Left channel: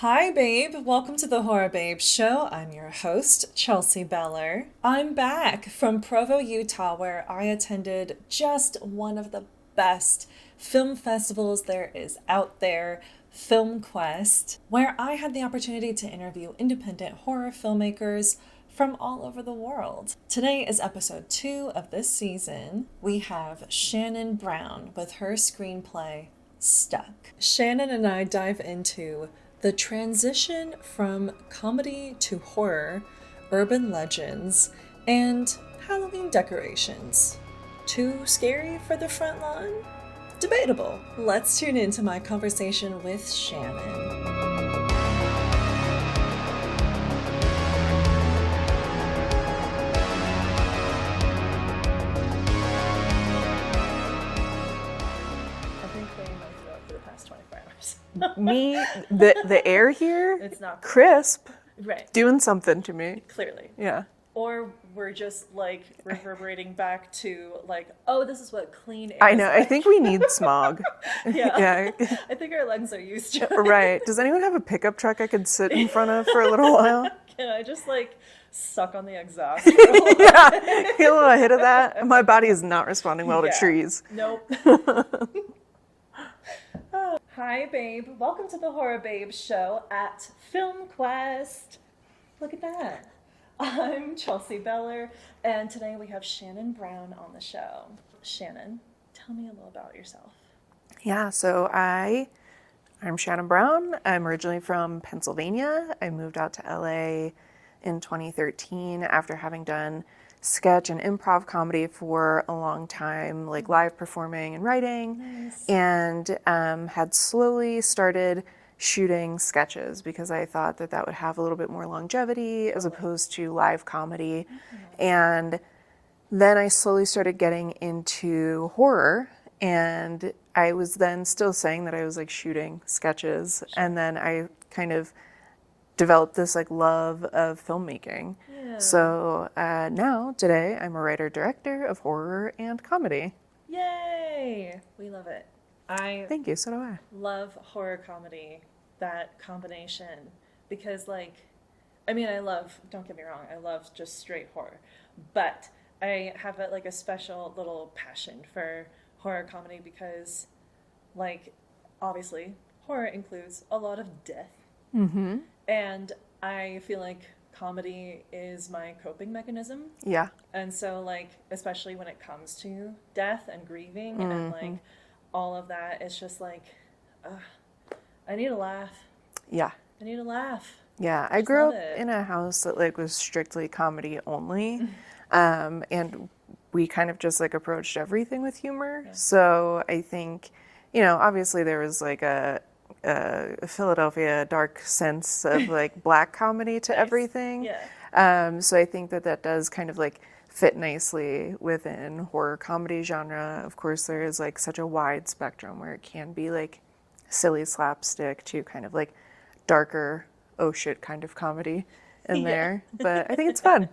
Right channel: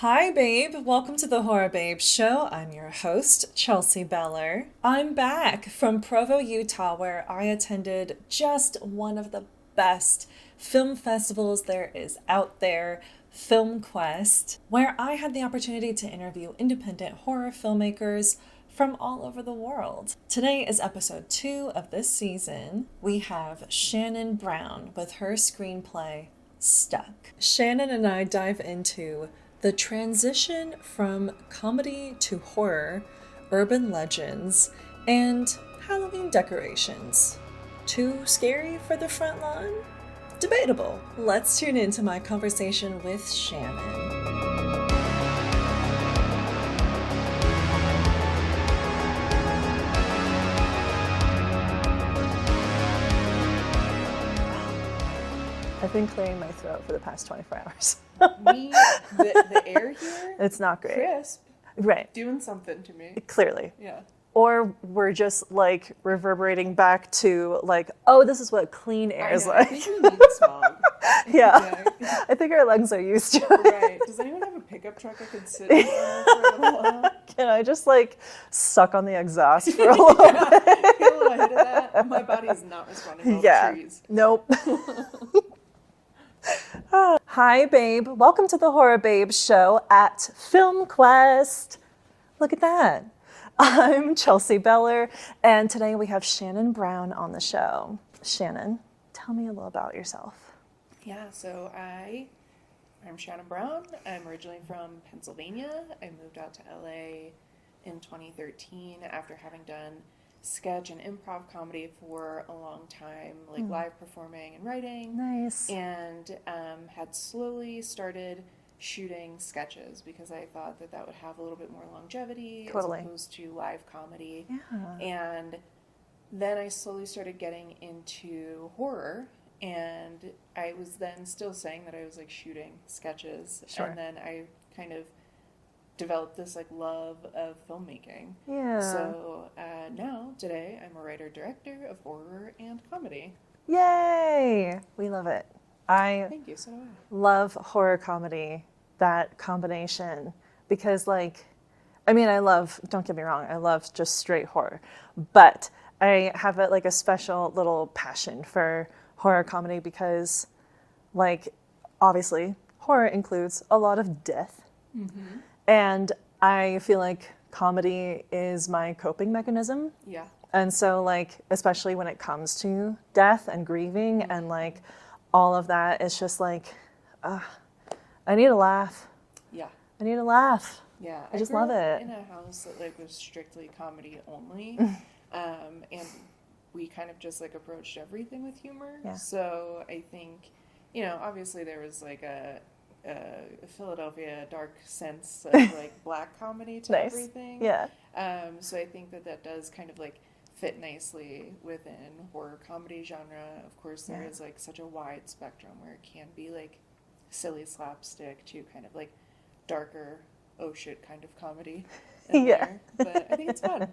Hi, babe. Welcome to the Horror Babe Show. I'm your host, Chelsea Beller. I'm back from Provo, Utah, where I attended just one of the best film festivals there is out there, FilmQuest, where I had the opportunity to interview independent horror filmmakers from all over the world. Today is episode 2 of this season. We have Shannon Brown with her screenplay, Stuck. Shannon and I dive into the transition from comedy to horror, urban legends, and Halloween decorations. Too scary for the front lawn? Debatable. Let's tune into my conversation with Shannon. I've been clearing my throat for the past 24 hours. The air here, It's not great. crisp, Right. doing something to me. Clearly. Yeah. Or we're just like reverberating back to like, oh, this is what clean air I is know. like. I think we need smog. Yeah. Yeah. I think our lungs are used to it. Right. Does anyone have a pickup truck I could sit in front of for a little while? Can I just like suck on the exhaust for a little bit? Get a little hit of that. My body is not responding well to trees. Nope. Hi, babe. Welcome to the Horror Babe Show at FilmQuest. Look at that. I'm Chelsea Beller, and today we have Shannon Brown on the show. Shannon, tell me a little about yourself. Yeah. So I'm Shannon Brown. I'm originally from Pennsylvania. I moved out to LA in 2013 after having done sketch and improv comedy for a long time, like live performing and writing. Nice. And had slowly started shooting sketches because I thought that would have a little bit more longevity as Totally. opposed to live comedy. And then I slowly started getting into horror, and I was then still saying that I was like shooting sketches. And then I kind of developed this like love of filmmaking. Yeah. So now, today, I'm a writer-director of horror and comedy. Yay! We love it. I Thank you, so do I. love horror comedy, that combination, because don't get me wrong, I love just straight horror, but I have a special little passion for horror comedy because obviously horror includes a lot of death. Mm-hmm. And I feel like comedy is my coping mechanism. Yeah. And so especially when it comes to death and grieving and all of that, it's just I need a laugh. Yeah. I need a laugh. Yeah, I I just grew love up it. in a house that was strictly comedy only, and we kind of just approached everything with humor. Yeah. So I think, obviously there was a Philadelphia dark sense of black comedy to Nice. everything. Yeah. So I think that does kind of fit nicely within horror comedy genre. Of course, there is such a wide spectrum where it can be silly slapstick to kind of darker, oh shit kind of comedy in there. But I think it's fun.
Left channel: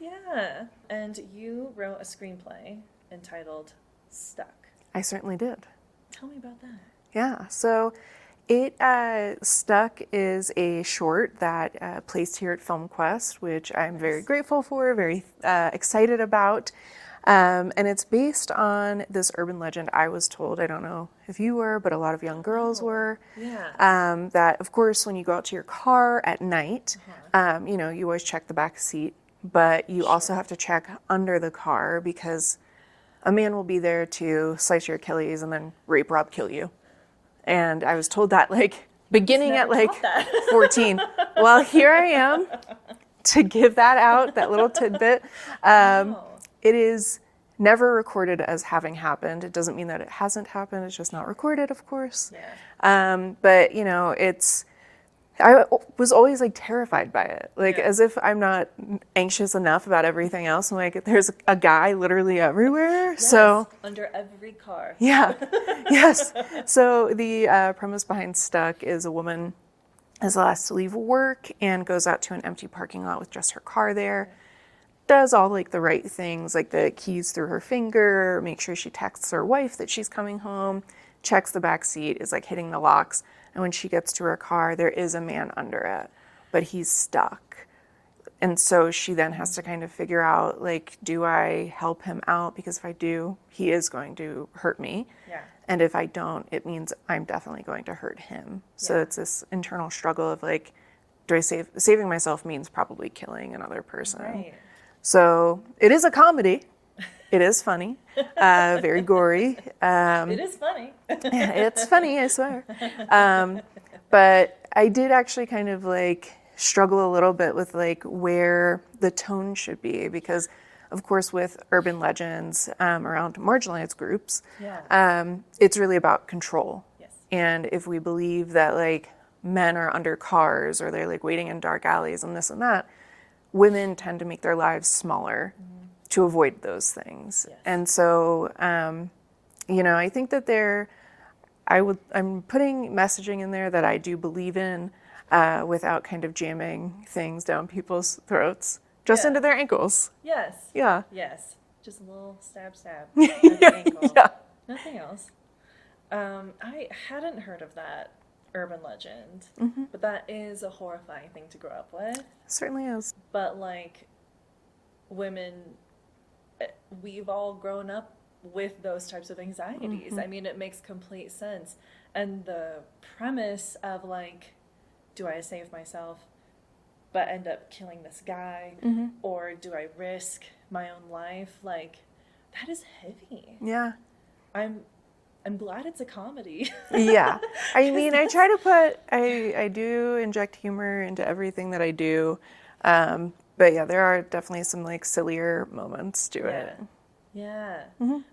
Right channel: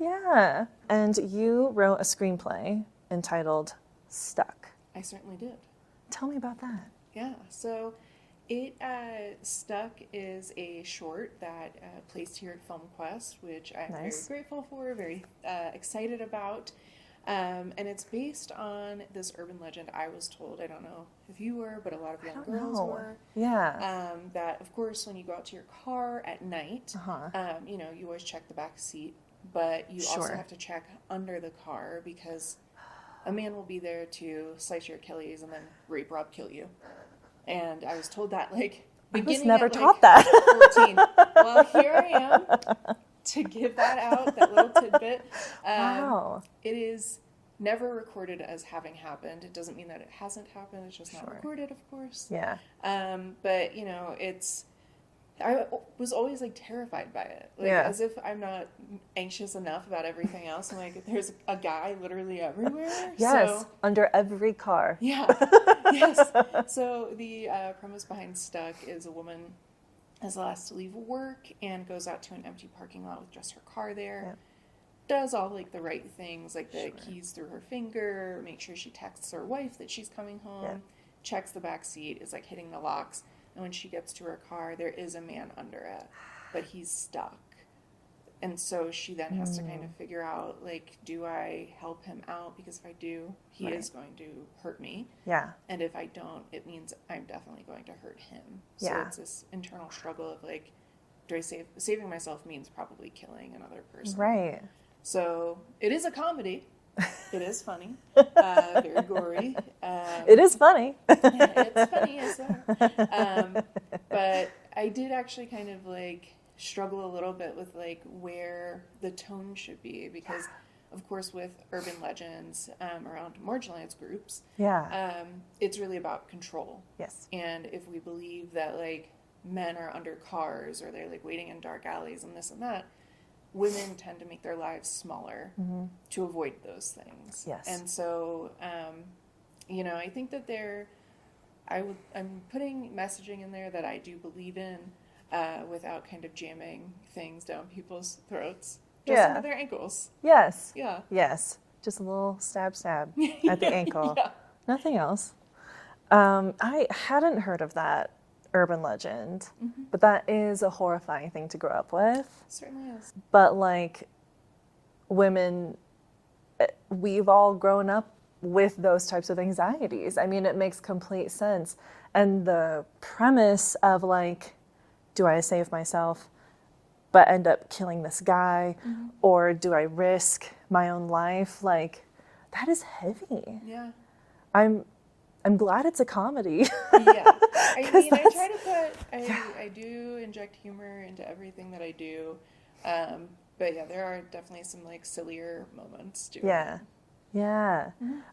Yeah. And you wrote a screenplay entitled Stuck. I certainly did. Tell me about that. Yeah, so it Stuck is a short that placed here at FilmQuest, which I'm very grateful for, very excited about. And it's based on this urban legend I was told, I don't know if you were, but a lot of young girls were. Yeah. That, of course, when you go out to your car at night, you always check the back seat, but you also have to check under the car because a man will be there to slice your Achilles and then rape, rob, kill you. And I was told that beginning at that. 14. Well, here I am to give that out, that little tidbit. Wow. It is never recorded as having happened. It doesn't mean that it hasn't happened. It's just not recorded, of course. Yeah. But I was always terrified by it, Yeah. as if I'm not anxious enough about everything else. I'm there's a guy literally everywhere. Yes. So Under every car. yeah, yes. So the premise behind Stuck is a woman is last to leave work and goes out to an empty parking lot with just her car there. Yeah. Does all the right things, the keys through her finger, make sure she texts her wife that she's coming home, checks the back seat, is hitting the locks. And when she gets to her car, there is a man under it, but he's stuck. And so she then has to kind of figure out, like, do I help him out? Because if I do, he is going to hurt me. Yeah. And if I don't, it means I'm definitely going to hurt him. So it's this internal struggle of, like, do I saving myself means probably killing another person. Right. So it is a comedy. It is funny, very gory. It is funny. It's funny, I swear. But I did actually kind of like struggle a little bit with like where the tone should be, because of course with urban legends around marginalized groups, it's really about control. Yes. And if we believe that like men are under cars or they're like waiting in dark alleys and this and that, women tend to make their lives smaller to avoid those things. Yes. And so, you know, I think that I'm putting messaging in there that I do believe in without kind of jamming things down people's throats, just into their ankles. Yes. Yeah. Yes. Just a little stab at the ankle. Yeah. Nothing else. I hadn't heard of that urban legend, but that is a horrifying thing to grow up with. Certainly is. But like women, we've all grown up with those types of anxieties. I mean, it makes complete sense. And the premise of like, do I save myself but end up killing this guy, or do I risk my own life? Like, that is heavy. Yeah. I'm glad it's a comedy. Yeah. I mean, I try to I do inject humor into everything that I do. But yeah, there are definitely some like sillier moments to it. Yeah.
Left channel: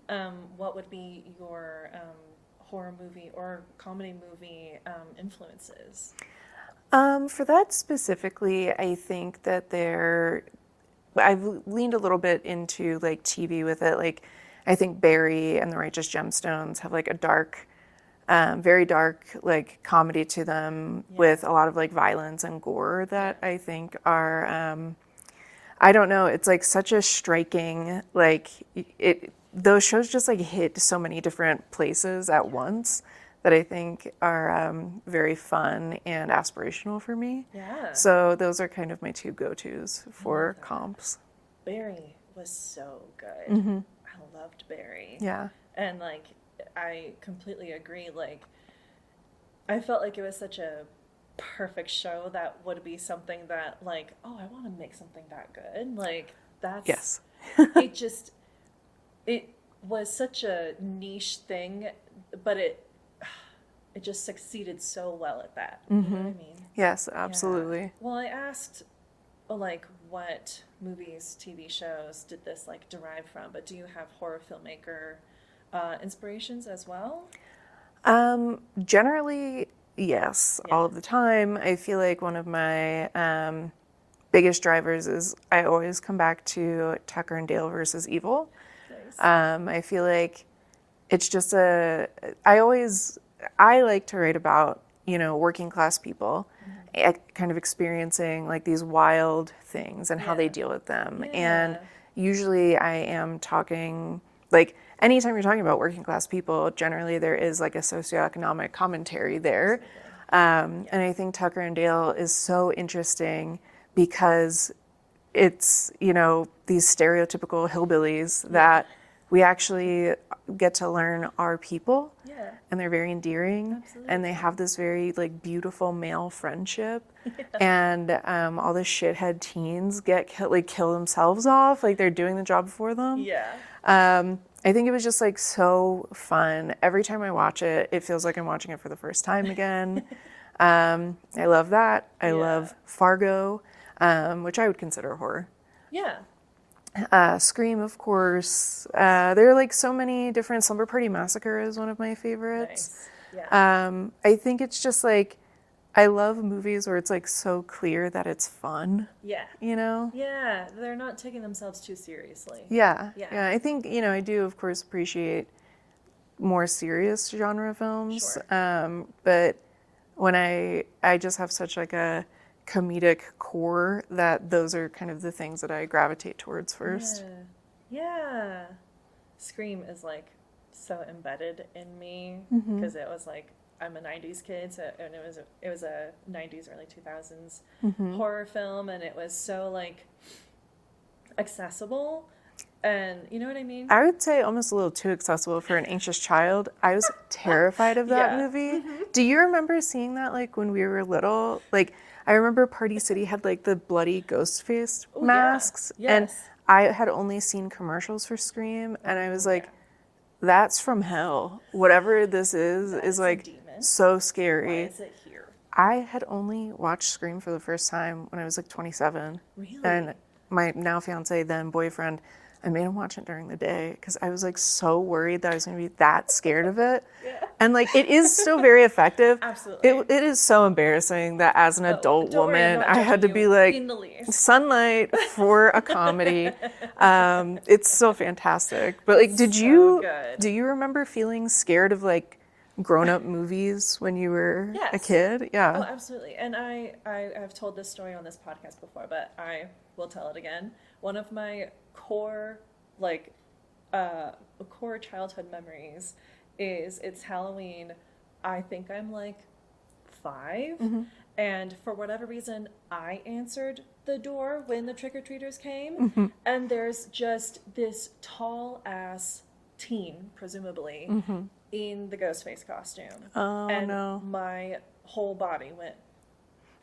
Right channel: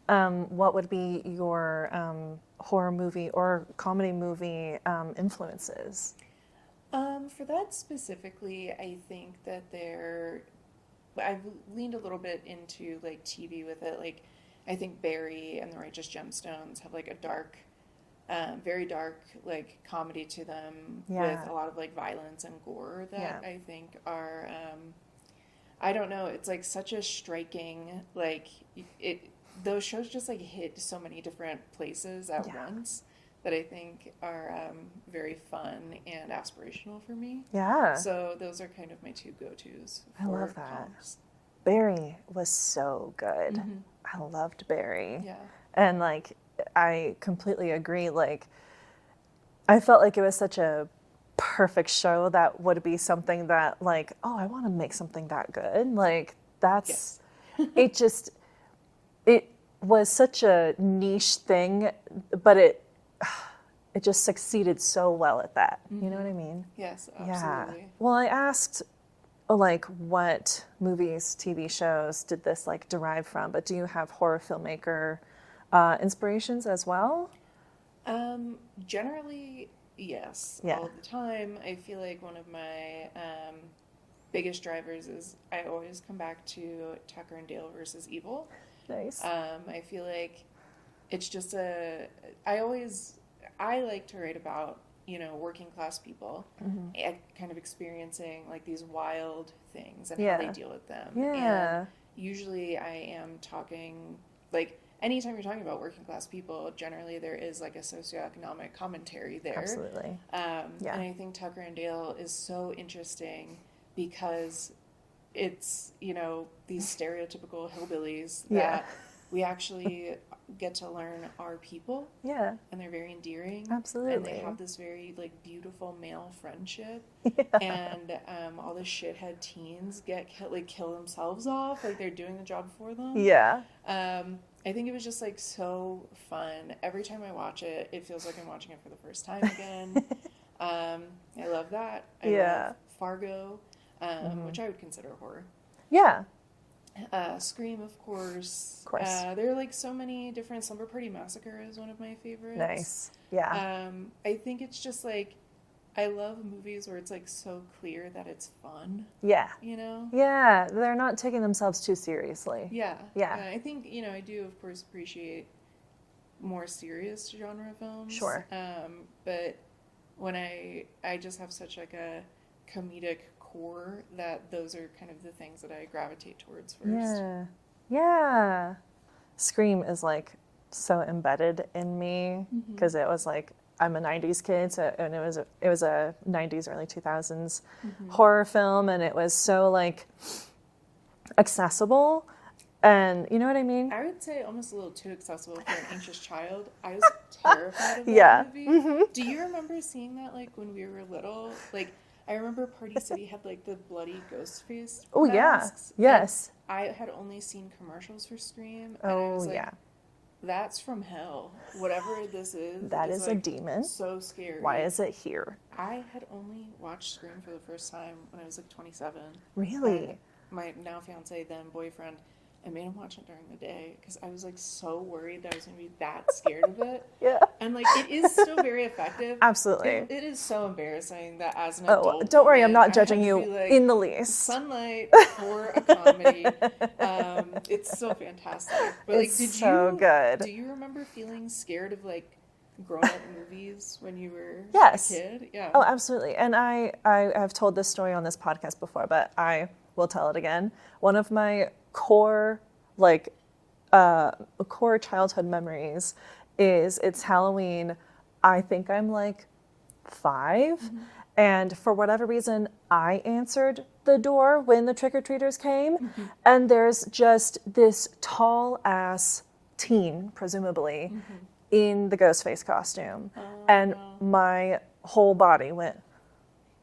What would be your horror movie or comedy movie influences? For that specifically, I think that I've leaned a little bit into like TV with it. Like, I think Barry and the Righteous Gemstones have like a dark, very dark like comedy to them with a lot of like violence and gore that I think are, I don't know, it's like such a striking, like those shows just like hit so many different places at once that I think are very fun and aspirational for me. Yeah. So those are kind of my two go-tos for comps. Barry was so good. I loved Barry. Yeah. And like, I completely agree. Like, I felt like it was such a perfect show that would be something that like, oh, I want to make something that good. Like, that's, it was such a niche thing, but it just succeeded so well at that. You know what I mean? Yes, absolutely. Yeah. Well, I asked like what movies, TV shows did this like derive from, but do you have horror filmmaker inspirations as well? Generally, yes, all of the time. I feel like one of my biggest drivers is I always come back to Tucker and Dale versus Evil. Nice. I feel like it's just I like to write about, you know, working class people kind of experiencing like these wild things and how they deal with them. And usually I am talking, like anytime you're talking about working class people, generally there is like a socioeconomic commentary there. And I think Tucker and Dale is so interesting because it's, you know, these stereotypical hillbillies that we actually get to learn are people. Yeah. And they're very endearing. Absolutely. And they have this very like beautiful male friendship. And all the shithead teens kill themselves off, like they're doing the job for them. Yeah. I think it was just like so fun. Every time I watch it, it feels like I'm watching it for the first time again. I love that. I love Fargo, which I would consider horror. Yeah. Scream, of course. There are like so many different. Slumber Party Massacre is one of my favorites. Nice. Yeah. I think it's just like, I love movies where it's like so clear that it's fun. Yeah. You know? Yeah. They're not taking themselves too seriously. Yeah. Yeah. I think, you know, I do, of course, appreciate more serious genre films. Sure. But when I just have such like a comedic core that those are kind of the things that I gravitate towards first. Yeah. Scream is like so embedded in me because it was like I'm a 90s kid, so, and it was a 90s, early 2000s horror film, and it was so like accessible. And you know what I mean? I would say almost a little too accessible for an anxious child. I was terrified of that movie. Do you remember seeing that like when we were little? Like I remember Party City had like the bloody ghost face masks. Yeah. Yes. And I had only seen commercials for Scream, and I was like, that's from hell. Whatever this is like a demon. So scary. Why is it here? I had only watched Scream for the first time when I was like 27. Really? And my now fiance, then boyfriend, I made him watch it during the day because I was like so worried that I was going to be that scared of it. Yeah. And like it is still very effective. Absolutely. It is so embarrassing that as an adult don't worry, I'm not judging I had to you be like in the least. Sunlight for a comedy. It's so fantastic. But like, It's so good. do you remember feeling scared of like grown-up movies when you were a kid? Yeah. Oh, absolutely. And I have told this story on this podcast before, but I will tell it again. One of my core childhood memories is it's Halloween. I think I'm like 5, and for whatever reason, I answered the door when the trick-or-treaters came, and there's just this tall ass teen, presumably, in the Ghostface costume, and my whole body went.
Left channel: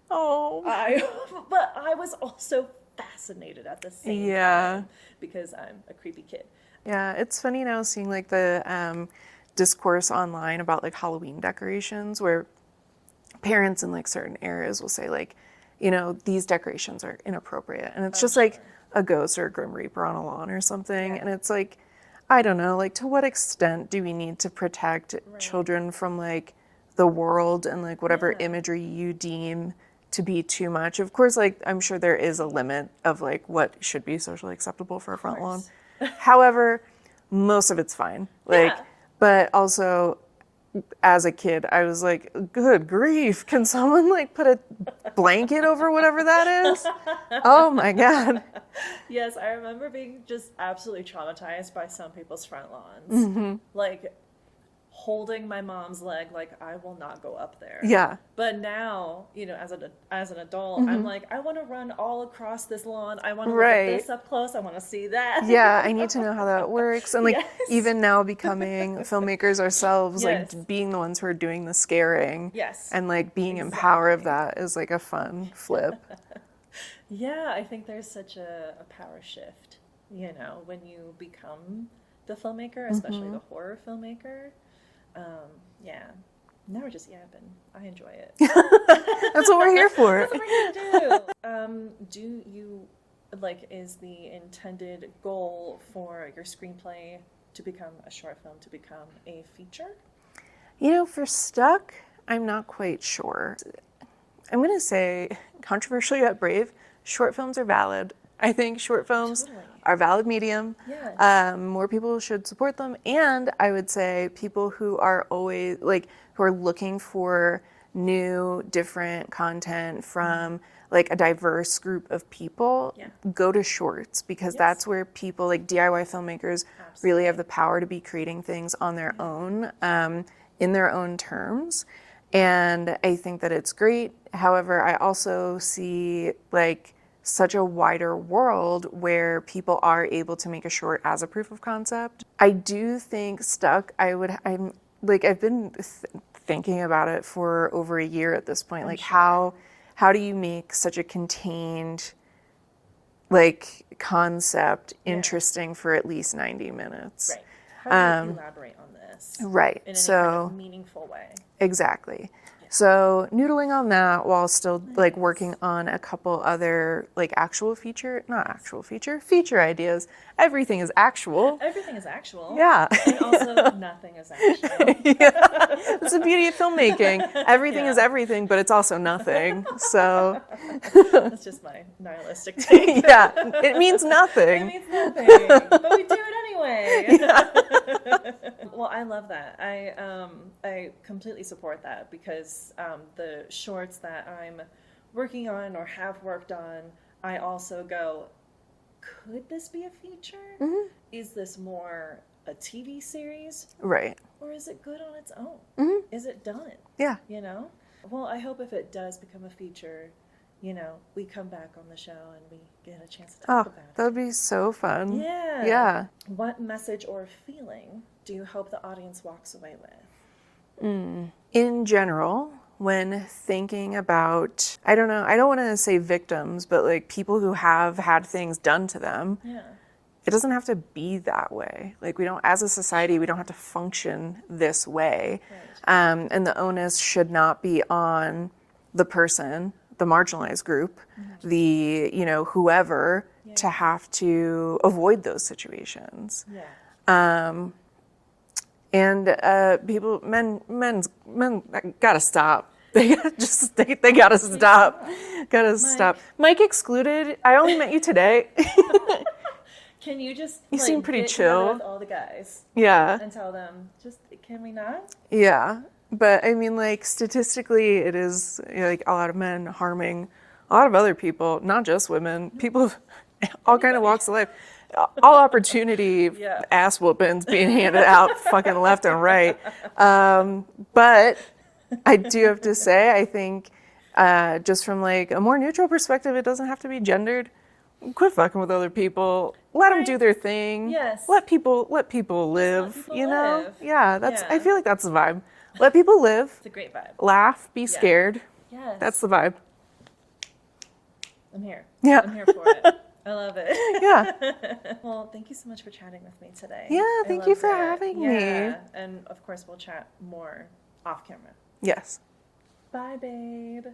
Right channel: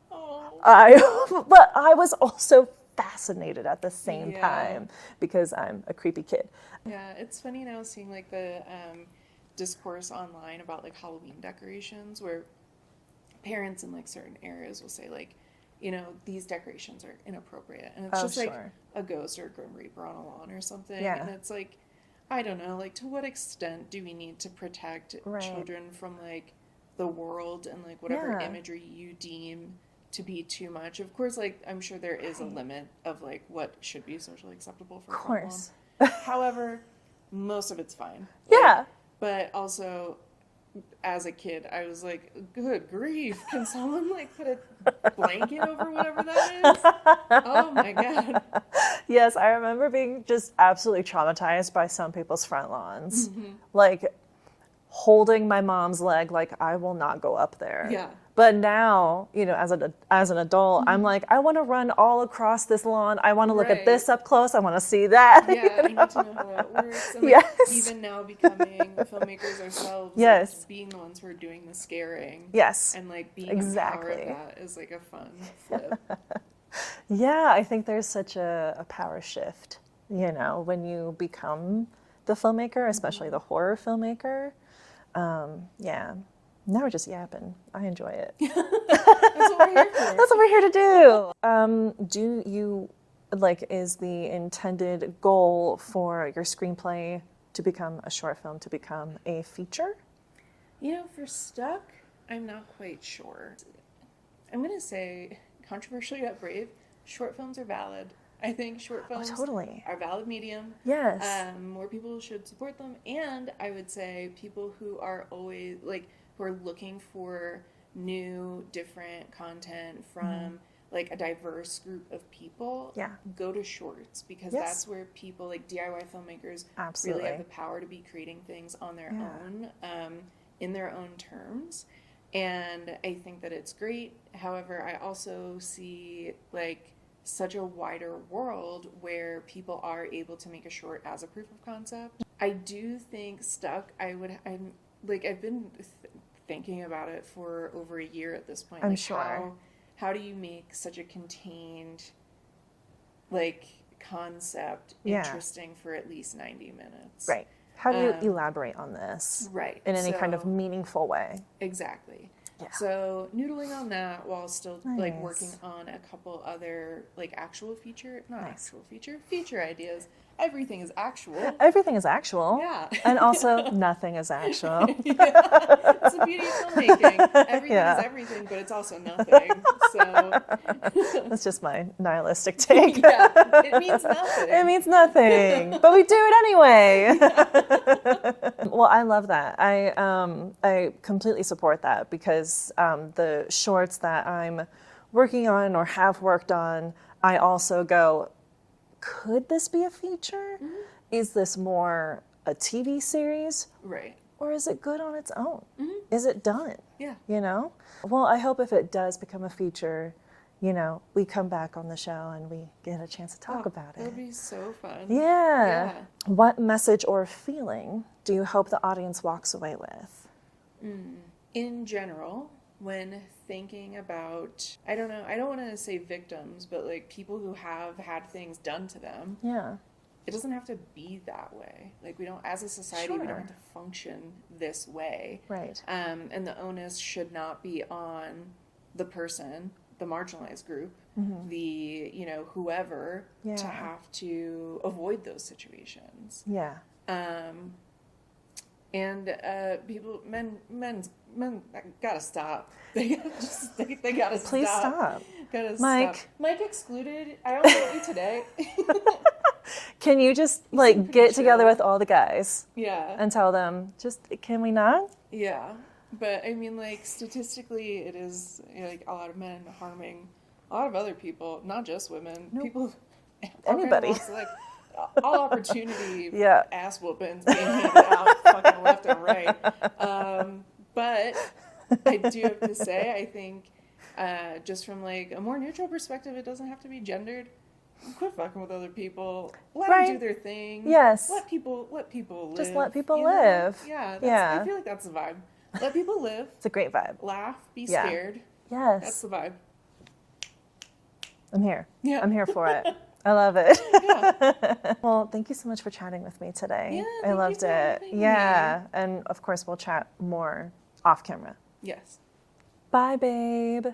But I was also fascinated at the same time because I'm a creepy kid. Yeah, it's funny now seeing like the discourse online about like Halloween decorations where parents in like certain areas will say like, you know, these decorations are inappropriate, and it's just like a ghost or a grim reaper on a lawn or something, and it's like, I don't know, like to what extent do we need to protect children from like the world and like whatever imagery you deem to be too much? Of course, like I'm sure there is a limit of like what should be socially acceptable for a front lawn. However, most of it's fine. Like, but also as a kid, I was like, good grief, can someone like put a blanket over whatever that is? Oh my God. Yes, I remember being just absolutely traumatized by some people's front lawns. Like holding my mom's leg, like I will not go up there. Yeah. But now, you know, as an adult, I'm like, I want to run all across this lawn. I want to look at this up close. I want to see that. Yeah, I need to know how that works. And like even now becoming filmmakers ourselves, like being the ones who are doing the scaring. And like being in power of that is like a fun flip. Yeah, I think there's such a power shift, you know, when you become the filmmaker, especially the horror filmmaker. Now we're just yapping. I enjoy it. That's what we're here for. That's what we're here to do. Do you, like, is the intended goal for your screenplay to become a short film, to become a feature? You know, for Stuck, I'm not quite sure. I'm going to say, controversially yet brave, short films are valid. I think short films are a valid medium. Yes. More people should support them. And I would say people who are always, like, who are looking for new, different content from, like, a diverse group of people, go to shorts, because that's where people, like, DIY filmmakers really have the power to be creating things on their own, in their own terms. And I think that it's great. However, I also see, like, such a wider world where people are able to make a short as a proof of concept. I do think Stuck, I've been thinking about it for over a year at this point. How do you make such a contained, like, concept interesting for at least 90 minutes? Right. How do you elaborate on this? Right. In any kind of meaningful way. Exactly. Yeah. So noodling on that while still like working on a couple other like feature ideas. Everything is actual. Everything is actual. Yeah. And also nothing is actual. It's the beauty of filmmaking. Everything is everything, but it's also nothing. So that's just my nihilistic take. It means nothing. It means nothing. But we do it anyway. Well, I love that. I completely support that, because the shorts that I'm working on or have worked on, I also go, could this be a feature? Is this more a TV series? Right. or is it good on its own? Mm-hmm. Is it done? Yeah. You know? Well, I hope if it does become a feature, you know, we come back on the show and we get a chance to talk about it. That would be so fun. Yeah. Yeah. What message or feeling do you hope the audience walks away with? In general, when thinking about, I don't want to say victims, but like people who have had things done to them, it doesn't have to be that way. Like we don't, as a society, we don't have to function this way. Right. And the onus should not be on the person, the marginalized group, the, you know, whoever, to have to avoid those situations. Yeah. And people, men gotta stop. They gotta stop. Gotta stop. Mike excluded. I only met you today. Can you just You like seem pretty get chill. together with all the guys Yeah. and tell them, just can we not? Yeah. But I mean, like statistically, it is, you know, like a lot of men harming a lot of other people, not just women. People of all kind of walks of life. All opportunity ass whoopings being handed out fucking left and right. But I do have to say, I think just from like a more neutral perspective, it doesn't have to be gendered. Quit fucking with other people. Let them do their thing. Yes. Let people live. Just let people you live. Know? Yeah, I feel like that's the vibe. Let people live. It's a great vibe. Laugh. Be scared. Yes. That's the vibe. I'm here. Yeah. I'm here for it. I love it. Yeah. Well, thank you so much for chatting with me today. Yeah, I thank you loved for it. having me. Yeah, and of course we'll chat more off camera. Yes. Bye, babe.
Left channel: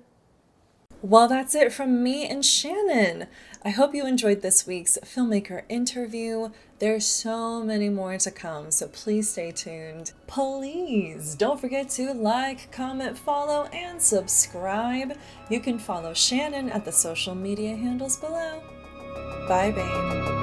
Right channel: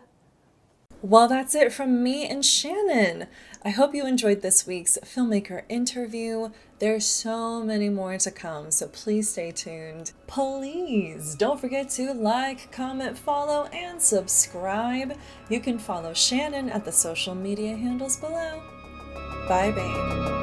Well, that's it from me and Shannon. I hope you enjoyed this week's filmmaker interview. There's so many more to come, so please stay tuned. Please don't forget to like, comment, follow, and subscribe. You can follow Shannon at the social media handles below. Bye, babe.